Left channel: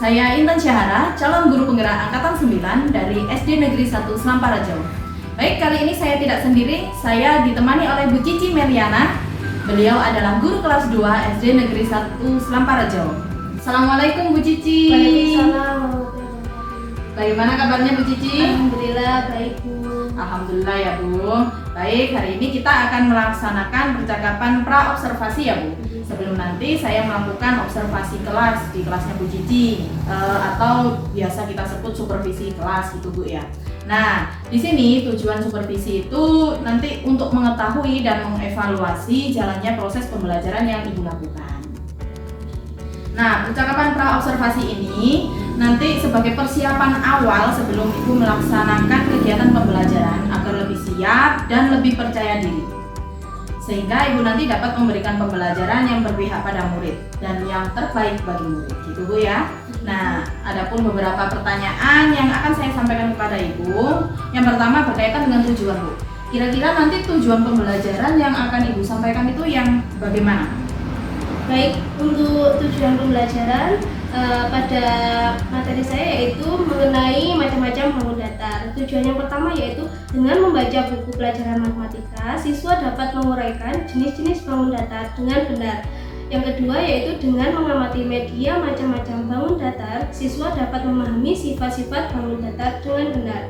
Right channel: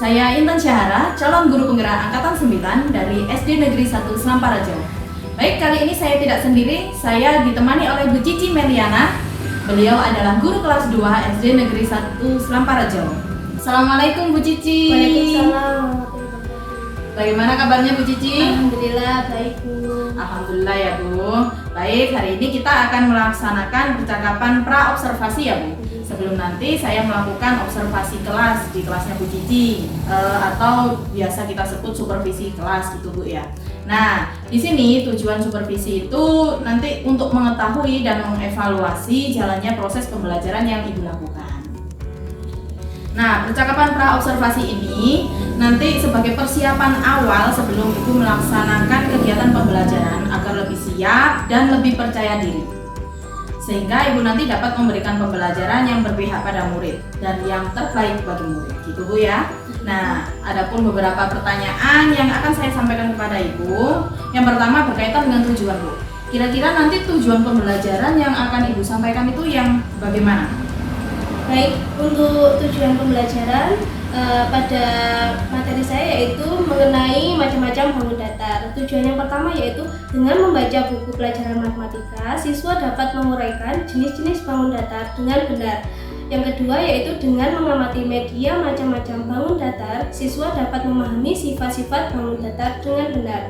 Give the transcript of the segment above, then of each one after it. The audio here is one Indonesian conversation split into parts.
Saya Intan Syahara, calon guru penggerak angkatan 9 dari SD Negeri 1 Selamparajo. Baik, kali ini saya tidak sendiri, saya ditemani oleh Bu Cici Meliana. Beliau adalah guru kelas 2 SD Negeri 1 Selamparajo. Assalamualaikum Bu Cici. Waalaikumsalam. Bagaimana kabarnya Bu Cici? Alhamdulillah baik Bu. Alhamdulillah ya Bu. Baik, hari ini kita akan melaksanakan percakapan pra-observasi ya Bu. Sebelum nanti saya melakukan observasi kelas di kelasnya Bu Cici, atau biasa kita sebut supervisi kelas gitu Bu ya. Nah, di sini tujuan supervisi itu nanti untuk mengetahui dan mengevaluasi jalannya proses pembelajaran yang Ibu lakukan. Nah, percakapan pra-observasi ini nanti sebagai persiapan awal sebelum Ibu melaksanakan kegiatan pembelajaran agar lebih siap dan lebih percaya diri. Sehingga Ibu nanti dapat memberikan pembelajaran yang berpihak pada murid dan yang terbaik bagi murid, gitu Bu ya. Nah, adapun beberapa pertanyaan yang akan saya sampaikan kepada Ibu. Yang pertama berkaitan dengan tujuan Bu. Kira-kira nanti tujuan pembelajaran yang akan Ibu sampaikan itu yang bagaimana? Baik, untuk tujuan pembelajaran pada materi saya yaitu mengenai macam-macam bangun datar. Tujuan yang pertama yaitu dengan membaca buku pelajaran matematika, siswa dapat menguraikan jenis-jenis bangun datar dengan benar. Yang kedua yaitu dengan mengamati media macam-macam bangun datar, siswa dapat memahami sifat-sifat bangun datar dengan benar.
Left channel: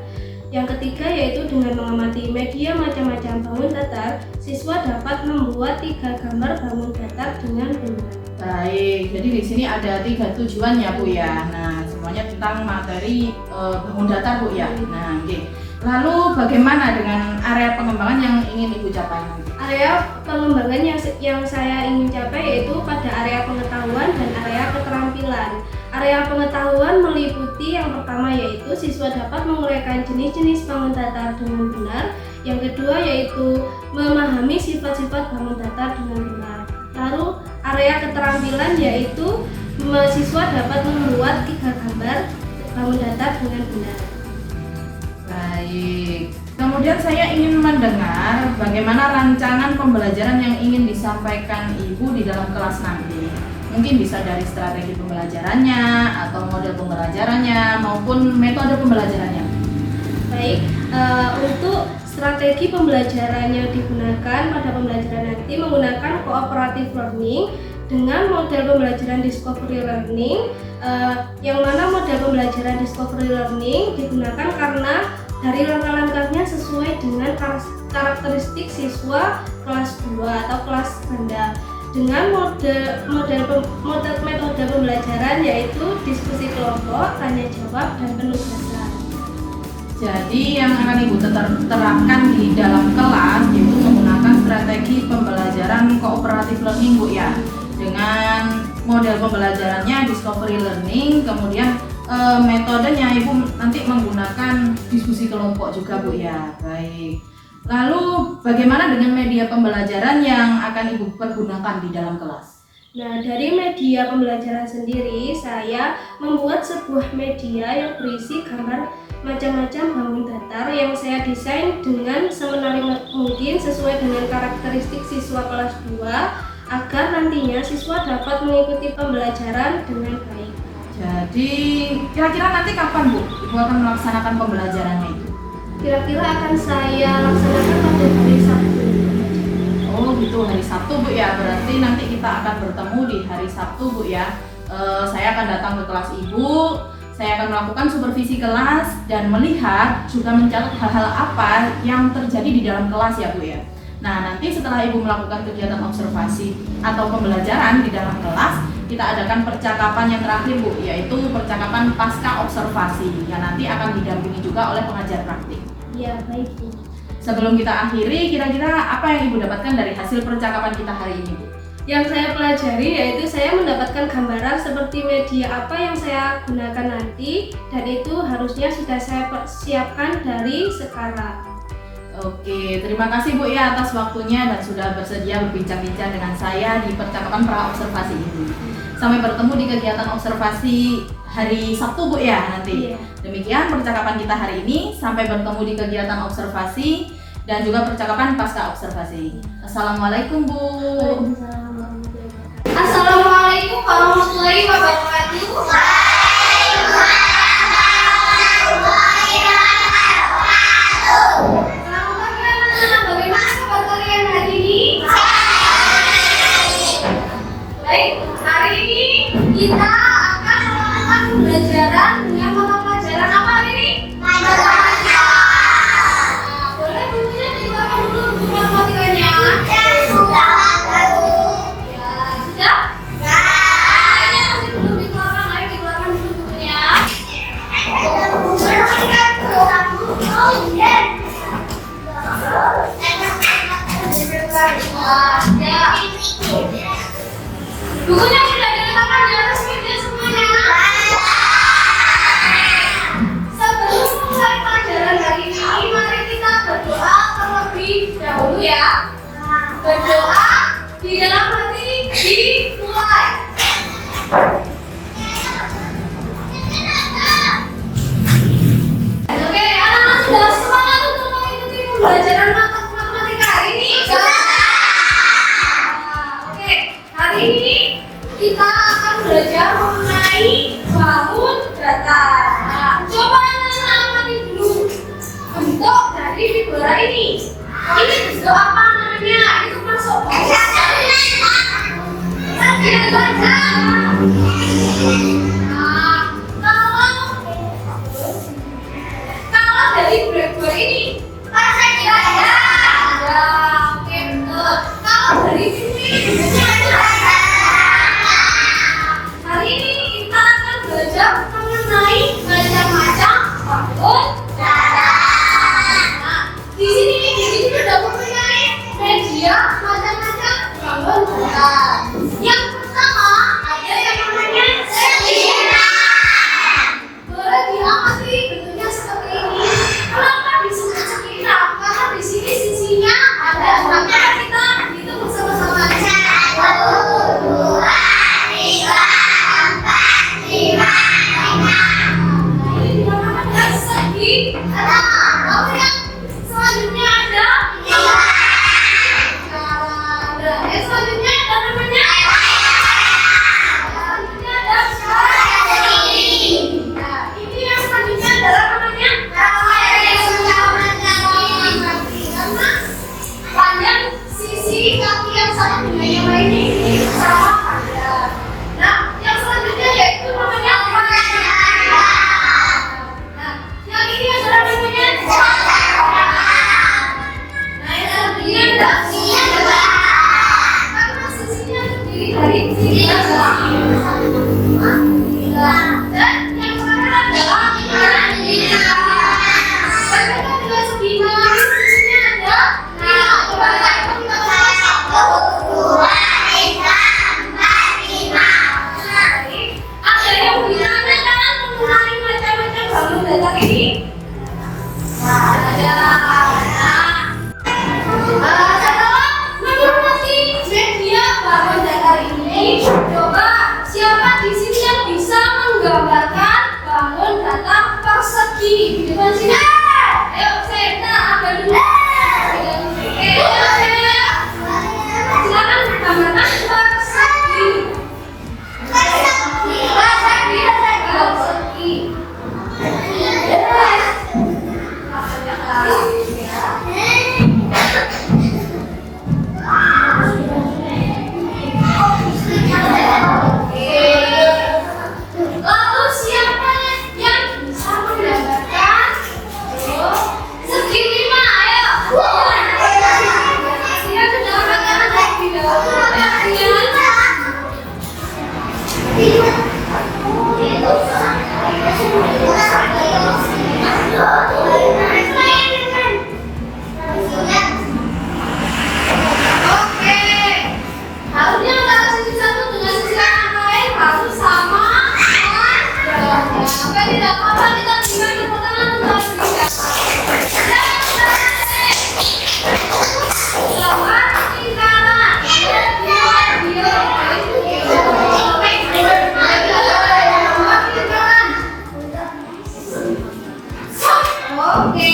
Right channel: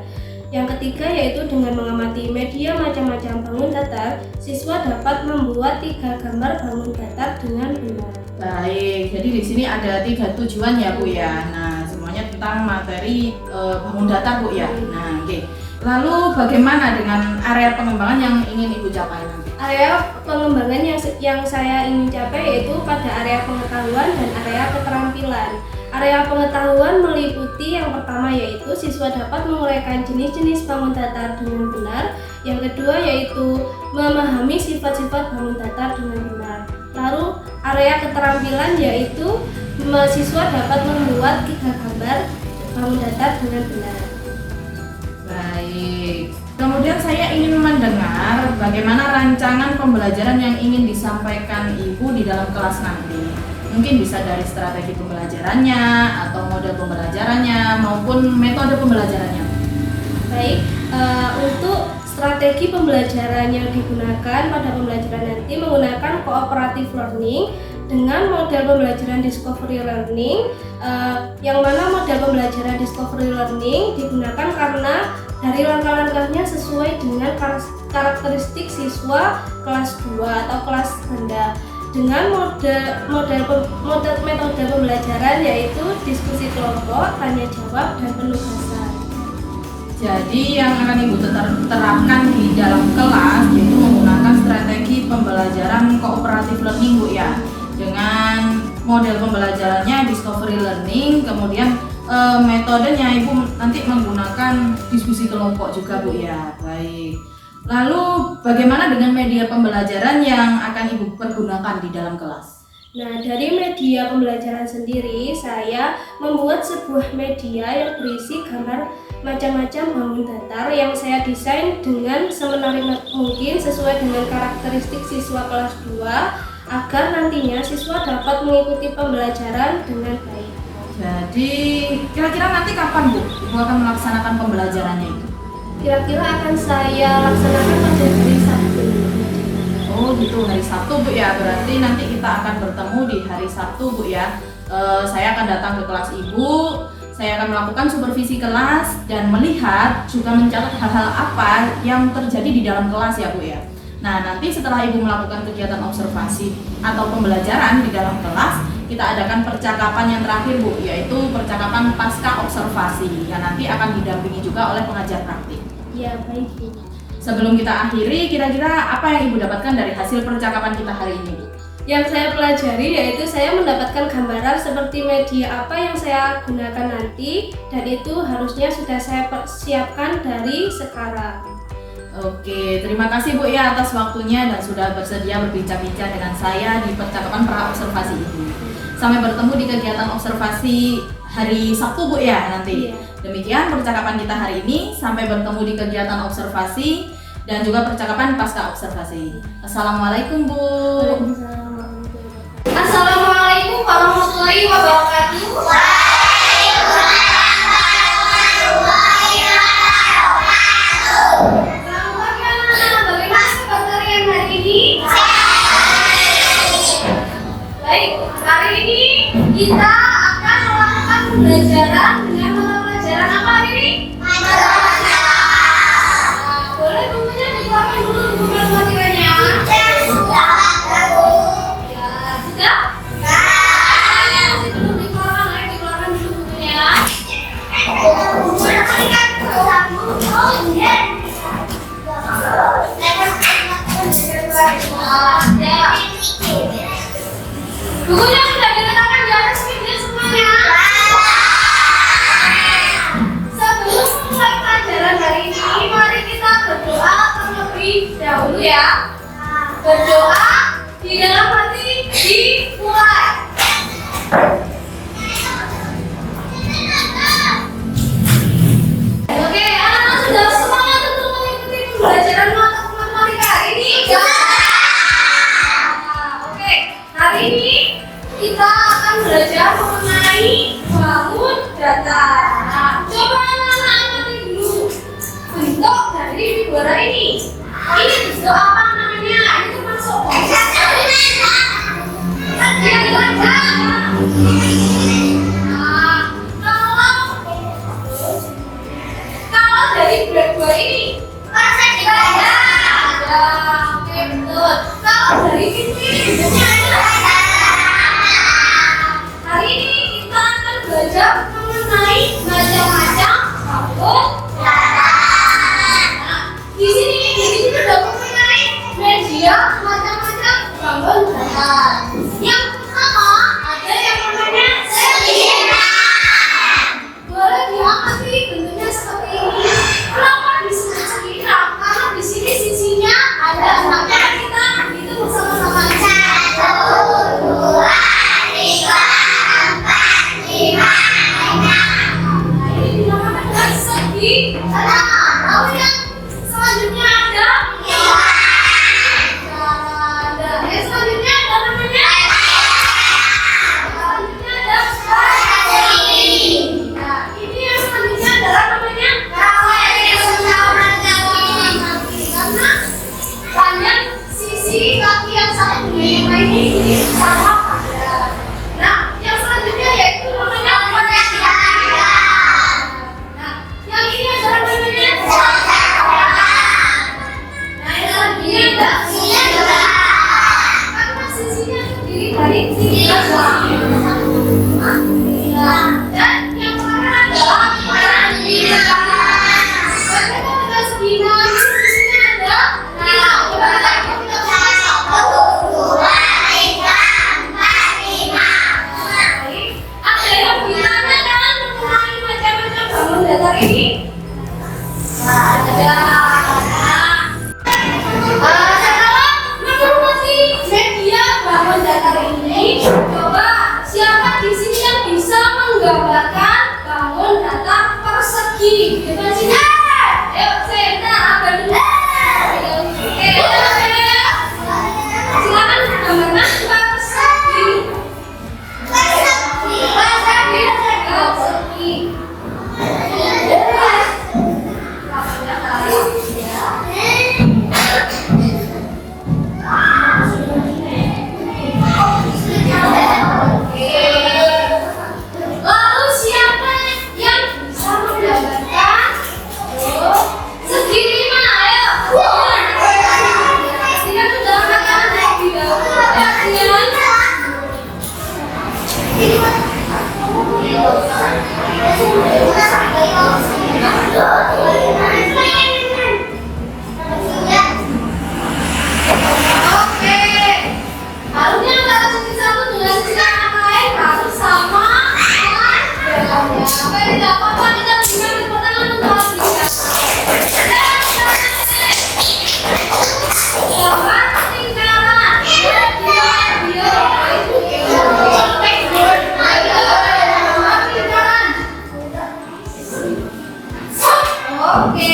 Yang ketiga yaitu dengan mengamati media macam-macam bangun datar, siswa dapat membuat 3 gambar bangun datar dengan benar. Baik, jadi di sini ada 3 tujuan ya Bu ya. Nah, semuanya tentang materi bangun datar Bu ya. Nah, oke. Lalu bagaimana dengan area pengembangan yang ingin Ibu capai nanti? Area pengembangan yang saya ingin capai yaitu pada area pengetahuan dan area keterampilan. Area pengetahuan meliputi yang pertama yaitu siswa dapat menguraikan jenis-jenis bangun datar dengan benar. Yang kedua yaitu memahami sifat-sifat bangun datar dengan benar. Lalu area keterampilan yaitu siswa dapat membuat 3 gambar bangun datar dengan benar. Baik. Kemudian saya ingin mendengar bagaimana rancangan pembelajaran yang ingin disampaikan Ibu di dalam kelas nanti. Mungkin bisa dari strategi pembelajarannya atau model pembelajarannya maupun metode pembelajarannya. Baik, untuk strategi pembelajaran yang digunakan pada pembelajaran nanti menggunakan cooperative learning dengan model pembelajaran discovery learning, yang mana model pembelajaran discovery learning digunakan karena dari langkah-langkahnya sesuai dengan karakteristik siswa kelas 2 atau kelas rendah. Dengan metode pembelajaran yaitu diskusi kelompok, tanya jawab, dan penugasan. Jadi yang akan Ibu terapkan di dalam kelas yaitu menggunakan strategi pembelajaran cooperative learning Bu ya. Dengan model pembelajarannya discovery learning, kemudian metodenya Ibu nanti menggunakan diskusi kelompok juga Bu ya. Baik. Lalu bagaimana dengan media pembelajaran yang akan Ibu pergunakan di dalam kelas? Nah, dari media pembelajaran sendiri, saya membuat sebuah media yang berisi gambar macam-macam bangun datar yang saya desain dengan semenarik mungkin sesuai dengan karakteristik siswa kelas 2 agar nantinya siswa dapat mengikuti pembelajaran dengan baik. Jadi kira-kira nanti kapan Bu Ibu akan melaksanakan pembelajarannya itu? Kira-kira akan saya laksanakan pada hari Sabtu. Oh gitu, hari Sabtu Bu ya. Berarti nanti kita akan bertemu di hari Sabtu Bu ya. Saya akan datang ke kelas Ibu. Saya akan melakukan supervisi kelas dan melihat juga mencatat hal-hal apa yang terjadi di dalam kelas ya Bu ya. Nah, nanti setelah Ibu melakukan kegiatan observasi atau pembelajaran di dalam kelas, kita adakan percakapan yang terakhir Bu, yaitu percakapan pasca observasi yang nanti akan didampingi juga oleh pengajar praktik. Ya, baik Bu. Sebelum kita akhiri, kira-kira apa yang Ibu dapatkan dari hasil percakapan kita hari ini Bu? Yang saya pelajari yaitu saya mendapatkan gambaran seperti media apa yang saya gunakan nanti, dan itu harusnya sudah saya persiapkan dari sekarang. Oke, terima kasih Bu ya atas waktunya dan sudah bersedia berbincang-bincang dengan saya di percakapan pra-observasi ini. Sampai bertemu di kegiatan observasi hari Sabtu Bu ya nanti. Iya. Demikian percakapan kita hari ini, sampai bertemu di kegiatan observasi dan juga percakapan pasca observasi. Assalamualaikum Bu. Waalaikumsalam warahmatullahi wabarakatuh. Assalamualaikum warahmatullahi wabarakatuh. Bukunya sudah diletakkan di atas meja semuanya. Sebelum memulai pelajaran hari ini, mari kita berdoa terlebih dahulu ya. Berdoa di dalam hati dimulai. Oke, anak-anak sudah semangat untuk mengikuti pembelajaran matematika hari ini? Oke, hari ini kita akan belajar mengenai bangun datar. Nah, coba anak-anak amati dulu bentuk dari figura ini. Ini bentuk apa namanya? Itu masuk box. Kalau dari blackboard ini, persegi ada. Oke, betul. Kalau dari pintu ini bentuknya ada. Hari ini kita akan belajar mengenai macam-macam bangun datar. Nah, di sini sudah mempunyai media macam-macam bangun datar. Yang pertama ada yang namanya sediran. Boleh diamati bentuknya seperti ini. Kenapa disebut sediran? Karena di sini sisinya ada berapa? Kita hitung bersama-sama. 1, 2, 3, 4, 5, 6. Nah, ini dinamakan dengan segi. Lalu yang selanjutnya ada yang selanjutnya ada namanya selanjutnya ada nah, ini yang selanjutnya adalah namanya karena panjang sisi kaki yang sama dengan yang lainnya ini sama panjang. Nah, yang selanjutnya yaitu namanya nah, yang ini adalah namanya nah, yang selanjutnya ada karena sisinya terdiri dari 3 dan yang terakhir adalah berbeda dengan segini sisinya ada coba kita bersama-sama 1, 2, 3, 4, 5. Ada yang ditanyakan mengenai macam-macam bangun datar ini? Ada. Setelah mengamati media bangun datar ini, coba siapa di sini yang bisa menggambarkan bangun datar persegi di depan sini? Ayo, kita abang dulu. Oke, silakan gambarkan persegi. Persegi. Lalu siapa yang bisa menggambarkan segi 5? Ayo. Kita sudah makan terlebih dahulu. Oke. Harusnya antara sisi satu dengan sisi yang lain harus sama. Oke, tidak apa-apa, kita berikan tepuk tangan untuk berikan. Gambar lingkaran. Oke.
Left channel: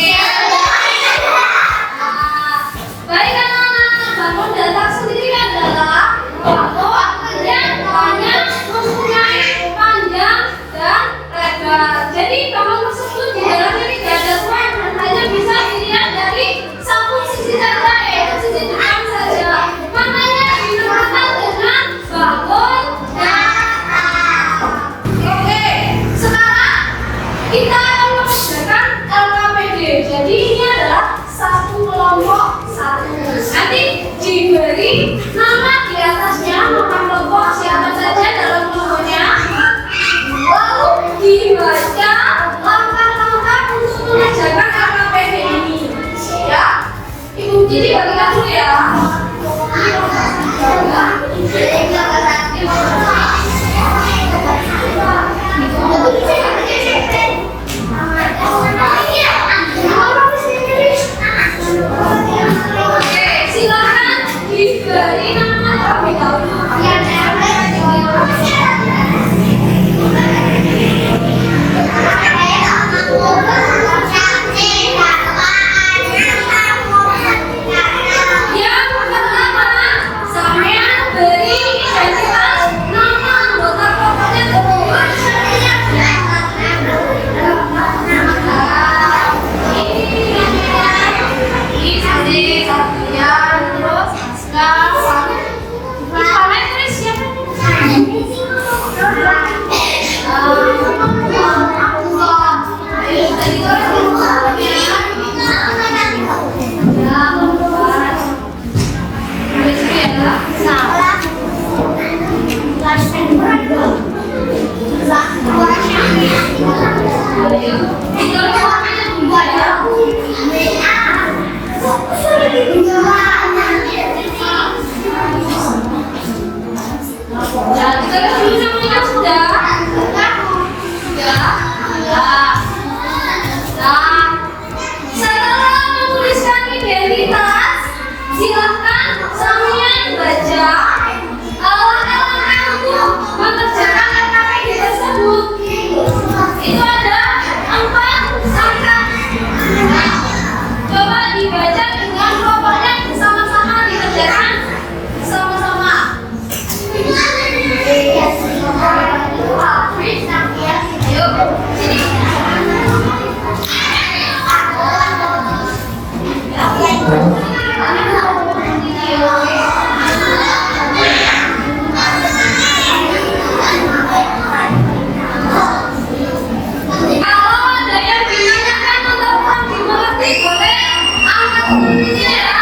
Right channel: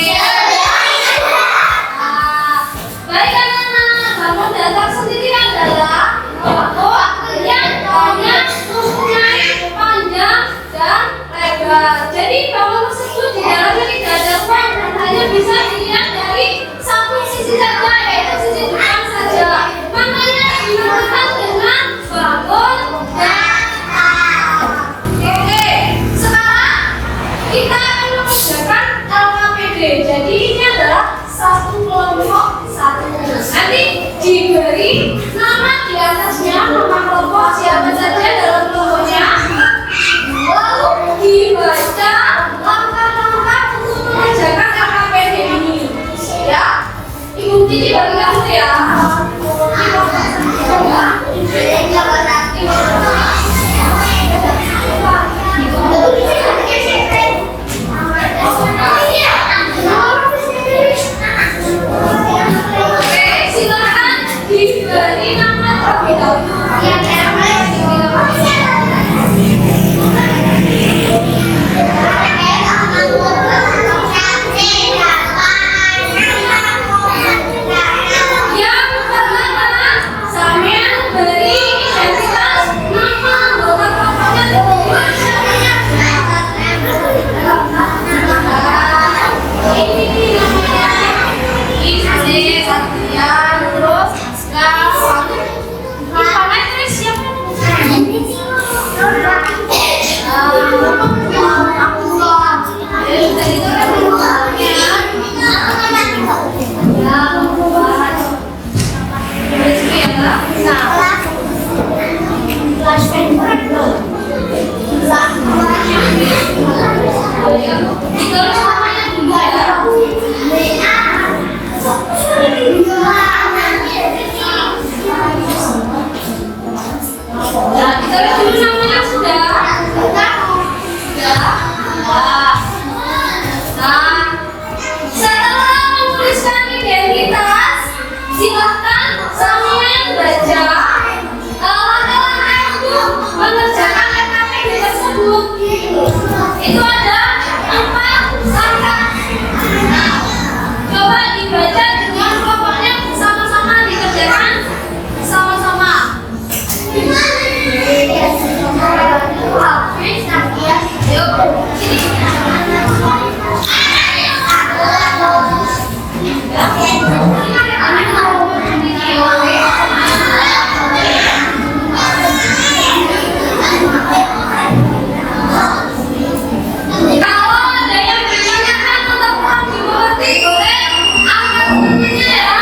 Baik anak-anak, bangun datar sendiri adalah bangun yang hanya mempunyai panjang dan lebar. Jadi bangun tersebut di dalamnya tidak ada ruang dan hanya bisa dilihat dari satu sisi saja, yaitu sisi depan saja. Makanya dinamakan dengan bangun datar. Oke, sekarang kita akan mengerjakan LKPD. Jadi ini adalah satu kelompok satu. Nanti diberi nama di atasnya, nama kelompok siapa saja dalam kelompoknya. Lalu dibaca langkah-langkah untuk mengerjakan LKPD ini. Ya, Ibu Cici bagi kamu ya. Kita Silakan diberi nama terlebih dahulu. Yang pertama, saya beri identitas nama anggota kelompoknya terlebih. Ini namanya Izzy, Satria, terus Aska, Satu. Ini tulis siapa? Silakan sambil baca langkah-langkah untuk mengerjakan KKD tersebut. Itu ada 4 langkah. Coba dibaca dengan kelompoknya bersama-sama, dikerjakan sama-sama. Yuk, sini. Kalau ada yang ditanyakan atau kurang dimengerti, boleh angkat tangannya ya.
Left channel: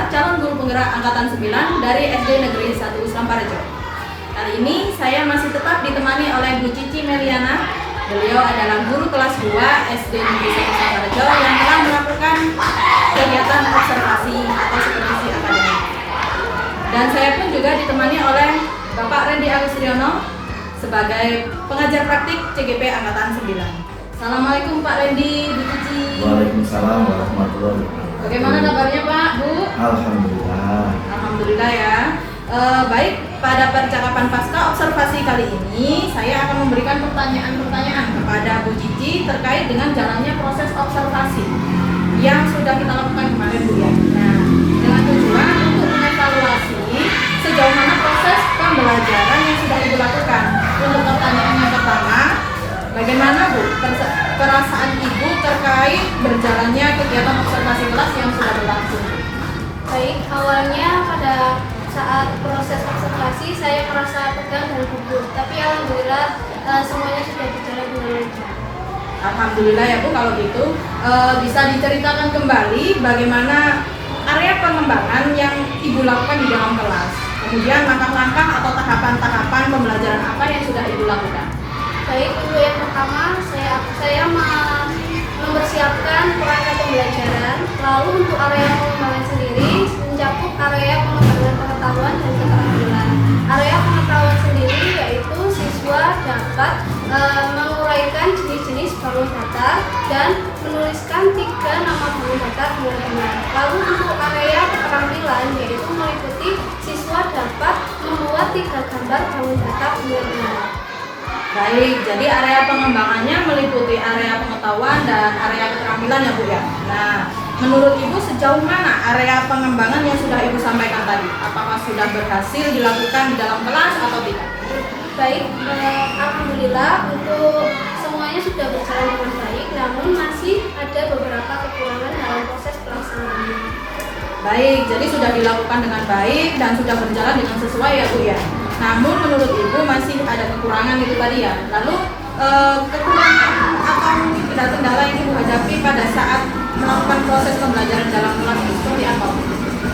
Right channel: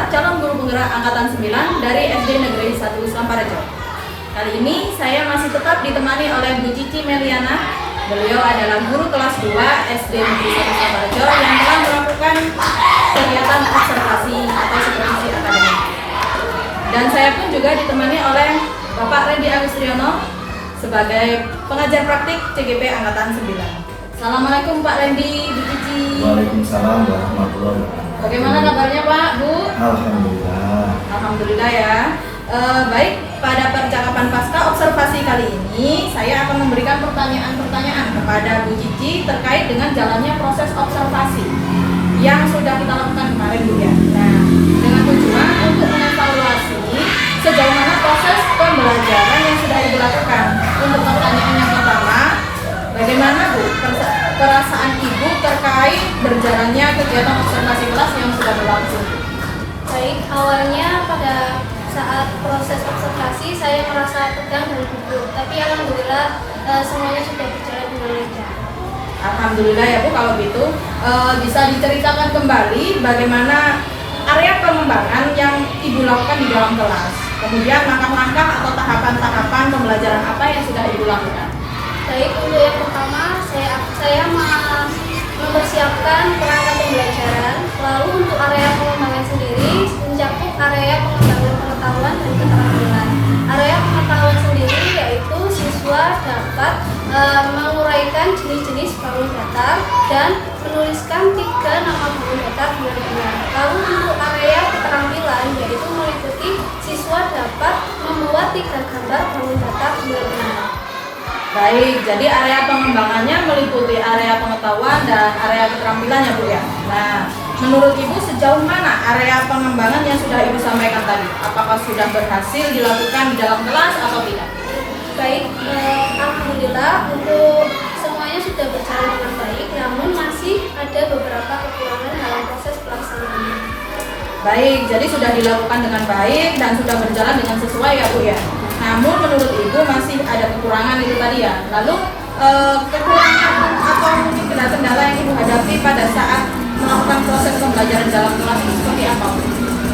Fajar, calon guru penggerak angkatan 9 dari SD Negeri 1 Samparejo. Kali ini saya masih tetap ditemani oleh Bu Cici Meliana. Beliau adalah guru kelas 2 SD Negeri 1 Samparejo yang telah melakukan kegiatan observasi atau supervisi akademik. Dan saya pun juga ditemani oleh Bapak Randy Agustriono sebagai pengajar praktik CGP angkatan 9. Assalamualaikum Pak Randy, Bu Cici. Waalaikumsalam warahmatullahi wabarakatuh. Bagaimana kabarnya Pak, Bu? Alhamdulillah. Alhamdulillah ya. Baik, pada percakapan pasca observasi kali ini saya akan memberikan pertanyaan-pertanyaan kepada Bu Cici terkait dengan jalannya proses observasi yang sudah kita lakukan kemarin Bu ya. Nah, dengan tujuan untuk mengevaluasi sejauh mana proses pembelajaran yang sudah Ibu lakukan. Untuk pertanyaan yang pertama, bagaimana Bu perasaan Ibu terkait berjalannya kegiatan observasi kelas yang sudah berlangsung? Baik, awalnya pada saat proses observasi saya merasa tegang dan gugup, tapi alhamdulillah semuanya sudah berjalan dengan lancar. Alhamdulillah ya Bu, kalau gitu bisa diceritakan kembali bagaimana area pengembangan yang Ibu lakukan di dalam kelas. Kemudian langkah-langkah atau tahapan-tahapan pembelajaran apa yang sudah Ibu lakukan? Baik, untuk yang pertama saya mempersiapkan perangkat pembelajaran. Lalu untuk area pengembangan sendiri mencakup area pengembangan pengetahuan dan keterampilan. Area pengetahuan sendiri yaitu siswa dapat menguraikan jenis-jenis bangun datar dan menuliskan 3 nama bangun datar dengan benar. Lalu untuk area keterampilan yaitu meliputi siswa dapat membuat 3 gambar bangun datar dengan benar. Baik, jadi area pengembangannya meliputi area pengetahuan dan area keterampilan ya Bu ya. Nah, menurut Ibu sejauh mana area pengembangan yang sudah Ibu sampaikan tadi? Apakah sudah berhasil dilakukan di dalam kelas atau tidak? Baik, alhamdulillah untuk semuanya sudah berjalan dengan baik, namun masih ada beberapa kekurangan dalam proses pelaksanaannya. Baik, jadi sudah dilakukan dengan baik dan sudah berjalan dengan sesuai ya Bu ya. Namun menurut Ibu masih ada kekurangan itu tadi ya. Lalu kekurangan atau mungkin kendala yang Ibu hadapi pada saat melakukan proses pembelajaran dalam kelas itu seperti apa Bu?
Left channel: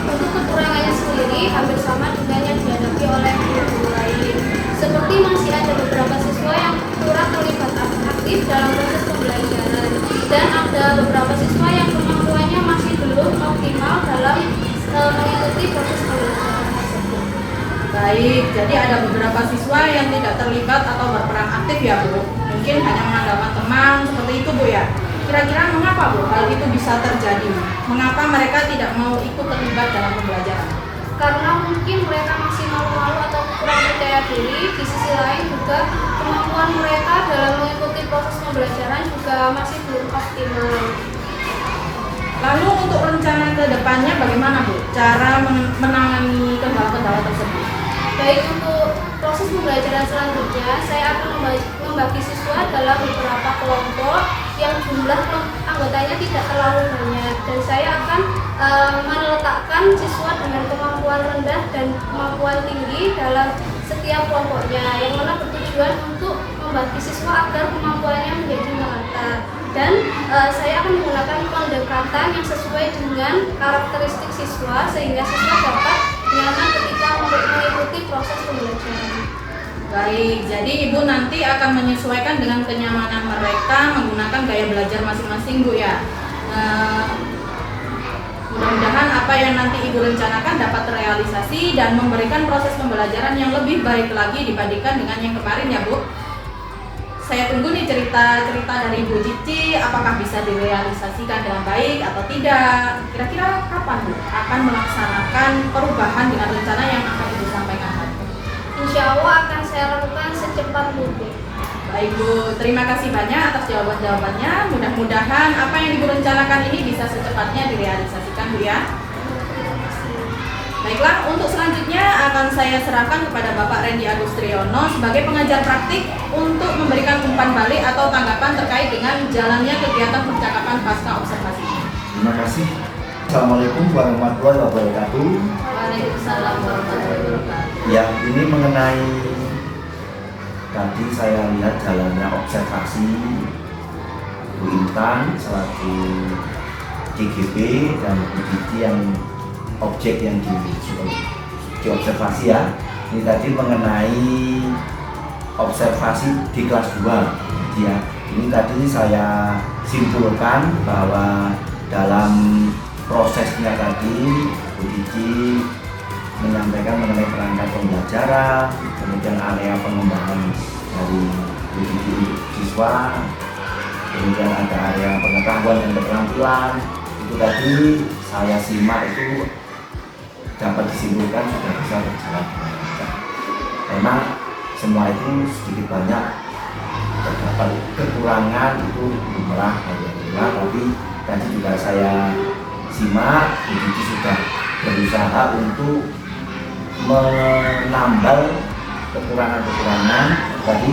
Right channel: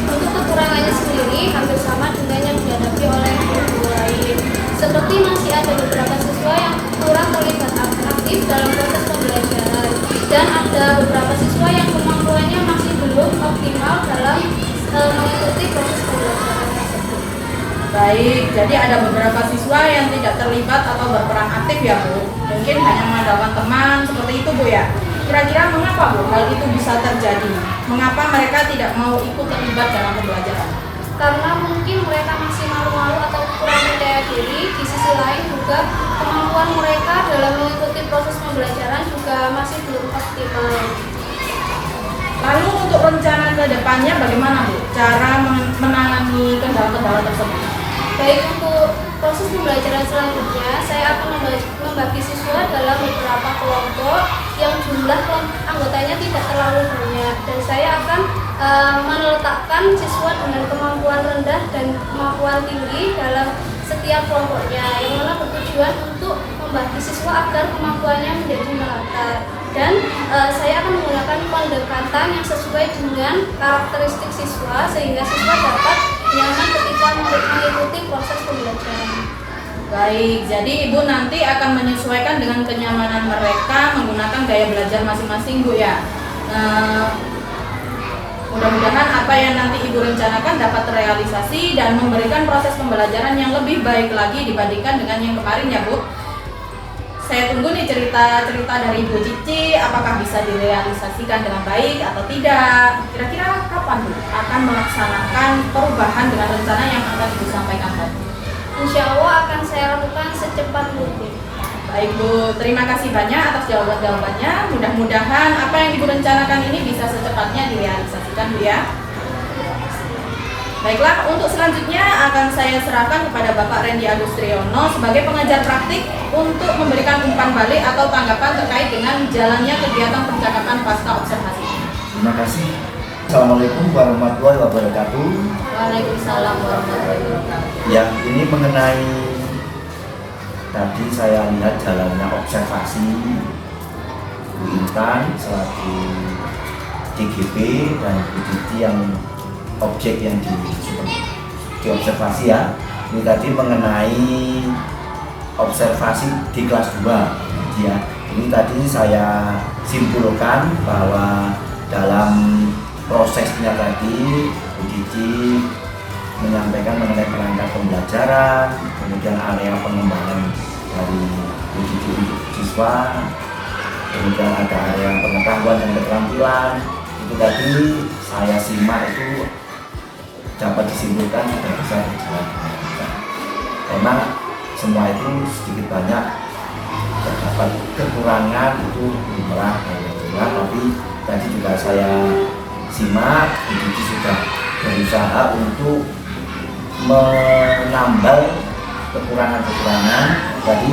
Untuk kekurangannya sendiri hampir sama dengan yang dihadapi oleh guru lain. Seperti masih ada beberapa siswa yang kurang terlibat aktif dalam proses pembelajaran dan ada beberapa siswa yang kemampuannya masih belum optimal dalam mengikuti proses pembelajaran tersebut. Baik, jadi ada beberapa siswa yang tidak terlibat atau berperan aktif ya Bu. Mungkin hanya mengandalkan teman seperti itu Bu ya. Kira-kira mengapa Bu hal itu bisa terjadi? Mengapa mereka tidak mau ikut terlibat dalam pembelajaran? Karena mungkin mereka masih malu-malu atau kurang percaya diri. Di sisi lain juga kemampuan mereka dalam mengikuti proses pembelajaran juga masih belum optimal. Lalu untuk rencana ke depannya bagaimana Bu? Cara menangani kendala-kendala tersebut? Baik, untuk proses pembelajaran selanjutnya saya akan membagi siswa dalam beberapa kelompok yang jumlah anggotanya tidak terlalu banyak, dan saya akan meletakkan siswa dengan kemampuan rendah dan kemampuan tinggi dalam setiap kelompoknya, yang mana bertujuan untuk membagi siswa agar kemampuannya menjadi merata. Dan saya akan menggunakan pendekatan yang sesuai dengan karakteristik siswa sehingga siswa dapat nyaman ketika mengikuti proses pembelajaran. Baik, jadi Ibu nanti akan menyesuaikan dengan kenyamanan mereka menggunakan gaya belajar masing-masing Bu ya. Mudah-mudahan apa yang nanti Ibu rencanakan dapat terrealisasi dan memberikan proses pembelajaran yang lebih baik lagi dibandingkan dengan yang kemarin ya Bu. Saya tunggu nih cerita-cerita dari Ibu Cici, apakah bisa direalisasikan dengan baik atau tidak. Kira-kira kapan Bu akan melaksanakan perubahan dengan rencana yang akan Ibu sampaikan tadi? Insya Allah akan saya lakukan secepat mungkin. Baik Bu, terima kasih banyak atas jawaban-jawabannya. Mudah-mudahan apa yang Ibu rencanakan ini bisa secepatnya direalisasikan Bu ya. Baiklah, untuk selanjutnya akan saya serahkan kepada Bapak Randy Agustriono sebagai pengajar praktik untuk memberikan umpan balik atau tanggapan terkait dengan jalannya kegiatan percakapan pasca observasi. Terima kasih. Assalamualaikum warahmatullahi wabarakatuh. Waalaikumsalam warahmatullahi wabarakatuh. Ya, ini mengenai tadi saya lihat jalannya observasi Bu Intan selaku CGP dan Bu Cici yang objek yang diobservasi ya. Ini tadi mengenai observasi di kelas 2 ya. Ini tadi saya simpulkan bahwa dalam prosesnya tadi Bu Cici menyampaikan mengenai perangkat pembelajaran, kemudian area pengembangan dari Bu Cici untuk siswa, kemudian ada area pengetahuan dan keterampilan. Itu tadi saya simak itu dapat disimpulkan sudah bisa berjalan dengan lancar. Memang semua itu sedikit banyak terdapat kekurangan, itu lumrah alhamdulillah, tapi tadi juga saya simak Bu Cici sudah berusaha untuk menambal kekurangan-kekurangan. Tadi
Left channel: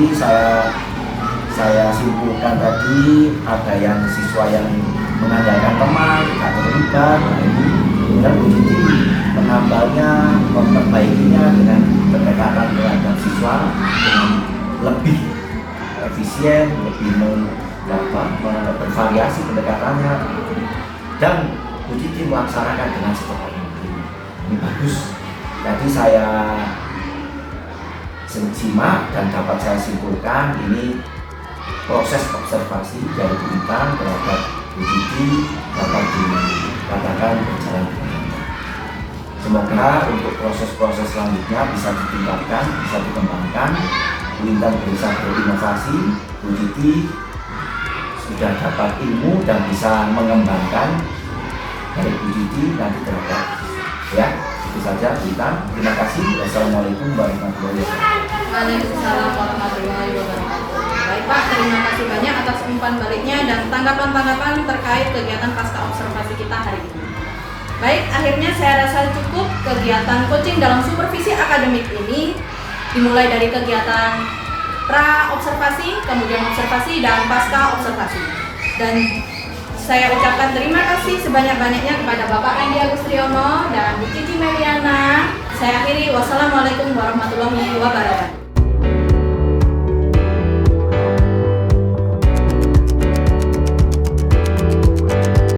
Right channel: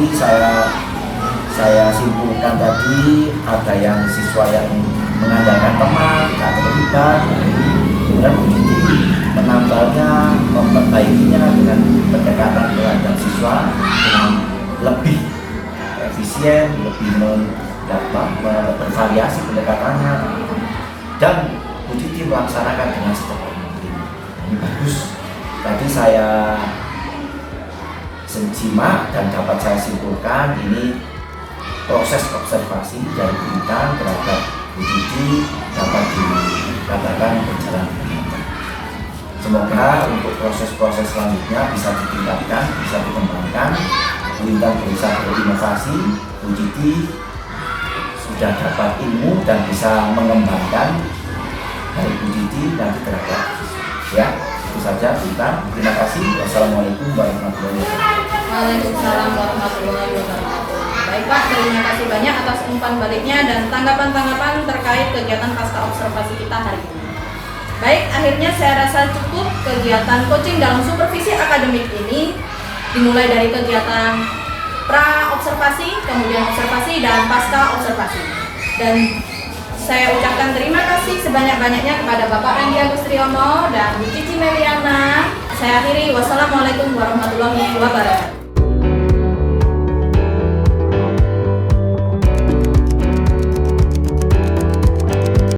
saya simpulkan tadi ada yang siswa yang mengandalkan teman, tidak terlibat, kemudian Bu Cici menambalnya, memperbaikinya dengan pendekatan terhadap siswa dengan lebih efisien, lebih bervariasi pendekatannya, dan Bu Cici melaksanakan dengan secepat mungkin. Ini bagus. Tadi saya simak dan dapat saya simpulkan ini proses observasi dari Intan terhadap Bu Cici dapat dikatakan berjalan dengan lancar. Semoga untuk proses-proses selanjutnya bisa ditingkatkan, bisa dikembangkan. Bu Intan bisa berinovasi, Bu Cici sudah dapat ilmu dan bisa mengembangkan dari Bu Cici nanti terhadap siswa. Ya, itu saja Bu Intan. Terima kasih. Wassalamualaikum warahmatullahi wabarakatuh. Waalaikumsalam warahmatullahi wabarakatuh. Baik Pak, terima kasih banyak atas umpan baliknya dan tanggapan-tanggapan terkait kegiatan pasca observasi kita hari ini. Baik, akhirnya saya rasa cukup kegiatan coaching dalam supervisi akademik ini, dimulai dari kegiatan pra-observasi, kemudian observasi, dan pasca-observasi. Dan saya ucapkan terima kasih sebanyak-banyaknya kepada Bapak Andi Agustriono dan Bu Cici Meliana. Saya akhiri, wassalamualaikum warahmatullahi wabarakatuh.